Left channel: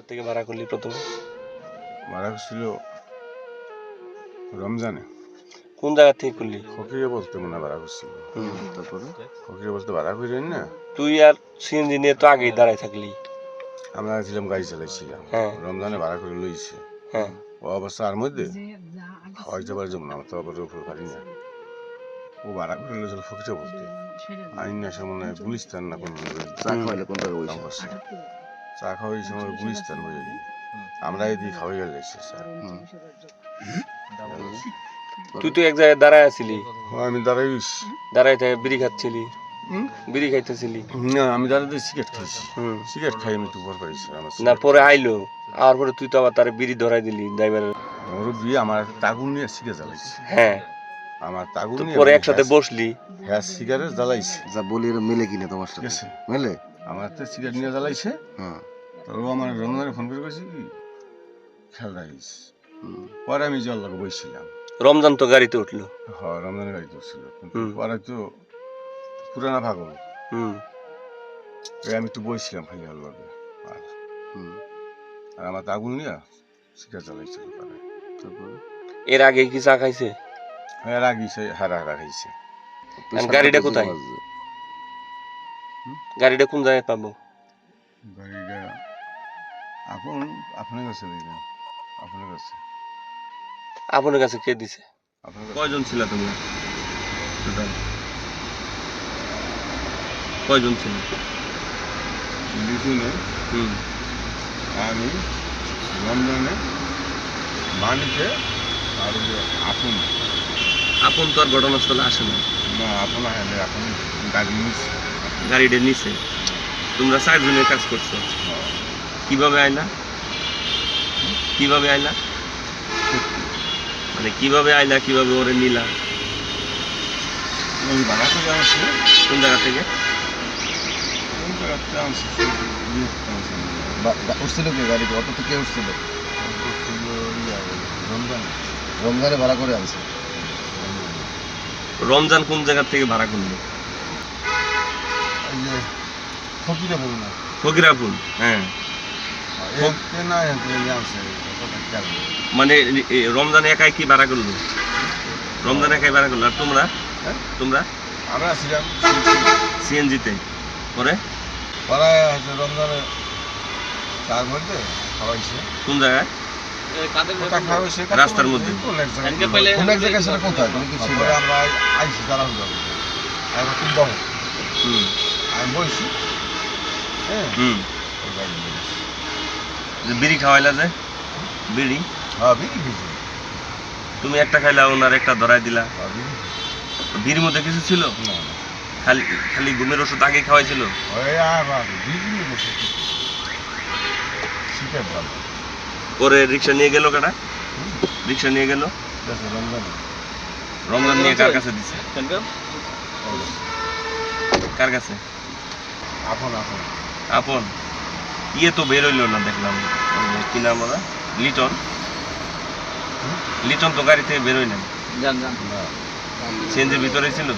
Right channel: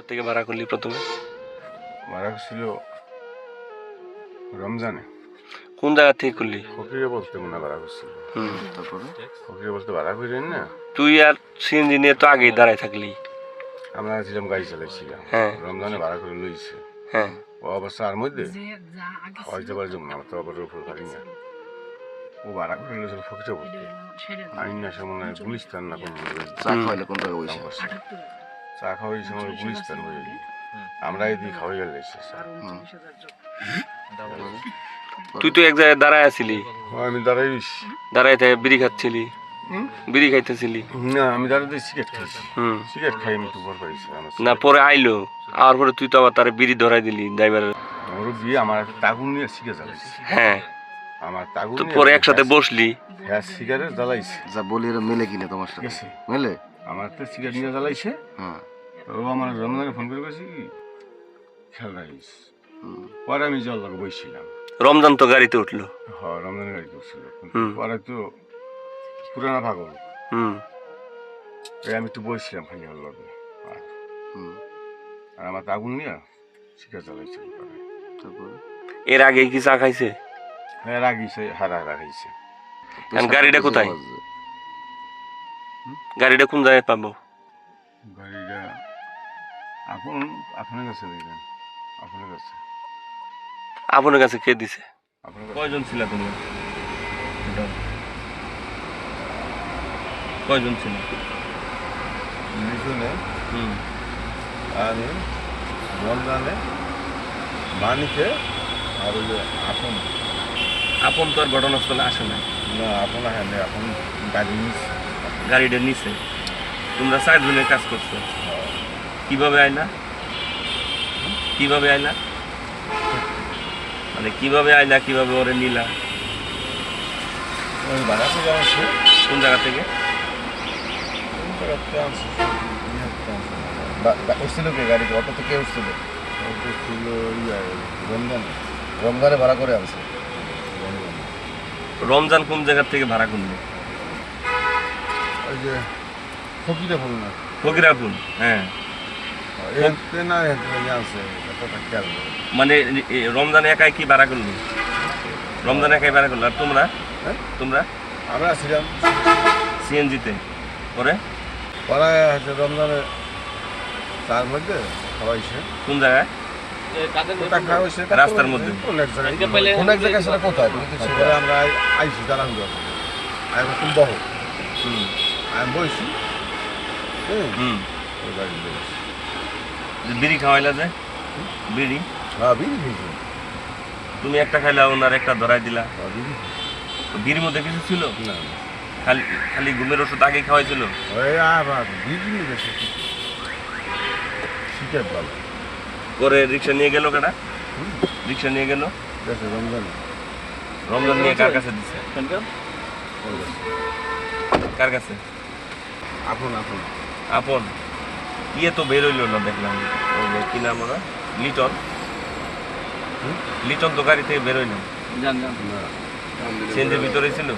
কোথা থেকে ভাড়া করলি প্রথমে? ভাড়া করছিল রমজানে। কোন জায়গা থেকে করলি? ফকিরে বলতে মনে হয় ভাড়া করছিল। তারপরে ফকিরে বলতে ভাড়া করেন না, তুই আর সিএনজি নিয়ে তো আগেই দাঁড়ায় থাকলি। আমরা ছিলাম গাড়ি চালাইছিলাম। হ্যাঁ। রমজানে ভাড়া করে লইছে। হ্যাঁ। ও অবস্থার মধ্যে খাওয়াইতে পারে যেমন আমার তো আবার উপর পারি না। ও ভাড়া করে লইছিল ফকিরে বলতে। আইন না সে মনে হয় গুলিস্তান না কোন চা খাওয়াইলে কোন জায়গায় কাম বসে? করছে। চা খাওয়াই সময় গুলিস্তান বলে দিই। আমরা এদিকে খাওয়াই গেলে তুই তো এক জায়গায় দাঁড়ায় আছিলি, আমি দাঁড়াই রইছি। দাঁড়ায় থেকে বিড়ি খাচ্ছিলি, বিড়ি খাইতেছিলি। না আমি দাঁড়াতে সিগারেট খাইছি। হুম। সিগারেট খাই আমি তো পর পাইছি। না পরে আইলো, আর পরে তুই তো আবার তারে বিড়ি ধরাই দিলি ড্রাইভারের। ওর বিয়ে আমার তাগুন নিয়ে সিগারেট জ্বালাইছি। হ্যাঁ। আমার তাগুন তো নিয়ে পরে একসাথে বসলি। হ্যাঁ সিগারেট জ্বালাইছে। যা বলি এর মিলে কিনা তোমার ঠিক সাথে? আছে, মিলে? আমার তো সিগারেট নিয়ে জ্বালাইছে। হ্যাঁ। তো ও আমার রমজানে ফোন করে কইছে কি খেয়াল রাখিস। পরে আমি জল লাগে বইছিলাম। রমজান তো গাড়িতে উঠলো। হ্যাঁ রমজানের গাড়িতে উঠছিল। হুম। পরে তো পুরানা পাগল। হুম। তাই আমি একটু বইছিলাম খালি ওর লগে। আর আমার তাগুন নিয়ে সিগারেট জ্বালাইছিল। পরে তারপরে এর আগে কি চা খাইছে? হ্যাঁ রাগিছে, হারা খাইছে। এখন গাড়িটা কোথায়? গাড়িটা কোন জায়গায় পাবো? গাড়িটা আপনার কাছে দিলাম। আপনার কাছে। আপনার কাছে কে দিছে? আপনার কাছে। কয়জন ছিল তোমরা? কয়জন ছিল? লিচুনে হুম। আমি রমজানে মানিকে আর ওই যে আপন আপন তো আর ঘটনাস্থলে আসে নাই, না আপন হ্যাঁ এখন গাড়ি নিচ্ছে। গাড়িটা নিছে। তোমরা 4 জনের কাজ করছো। কিভাবে আইলা? কিভাবে আইলা? মানে কিভাবে আইলা, কিভাবে ওরে নিলা? ওই ভাড়া করে আসছে। কোন জায়গা থেকে? কোন জায়গাতে আনছে? উঠছিল কি গাড়িতে? অটো তো কে উঠছিল? রমজানে। রমজানে ভাড়া করে আনছে। রমজান কোন জায়গা থেকে ভাড়া করলো? ওই যে ফকিরে বল না। ফকিরাপুর। হ্যাঁ। না আনছে কতটা খেয়াল নেই। মানে রমজান একাই কি ভাড়া করলো? রমজান একাই ভাড়া করলো। আর তোমরা? হ্যাঁ? তোমরা আমরা ছিলাম সিএনজিতে। পরে পাড়ায় হচ্ছে রমজানে তার মধ্যে খাওয়াইছে। কোন জায়গায়? কোথায় খাওয়াইছে? রাস্তার মধ্যে। কোন এক জায়গায়? কোন এক জায়গায় সেটা কোথায়? তুমি কি তারপরে আমরা আইসি তারা হইল আমি কোন দহ হুম। আমি বইছি। হ্যাঁ হুম। ওই গাড়ি বেরোছি। যে বিড়ি খাওয়াইলা যে বিড়ি, হ্যাঁ বিড়ি খেয়েছি। তুমি একটা খাইলা, ওনার একটা ধরাই দিলা। হ্যাঁ বিড়ি বিড়ির মধ্যে কিছু ছিল? না খালি খালি ঘুমের ওষুধ আগে খাওয়াইছিল? ওই আবার বিড়ি নিয়ে গেছে শিখে দাম পরে রিক্সা নিয়ে গেল কাটা, রিক্সা নিয়ে গেল গেছে রমজানে। রমজান নিয়ে কার কাছে দিছে? কার কাছে? আপন আপন আপন। ইয়ে তো বের হইলো না দেখলাম, ওই যে কি নাম ওরা, লিটন। লিটন তো গাড়ি থেকে বের হইলেন, না সিএনজির ভিতরেই ছিল।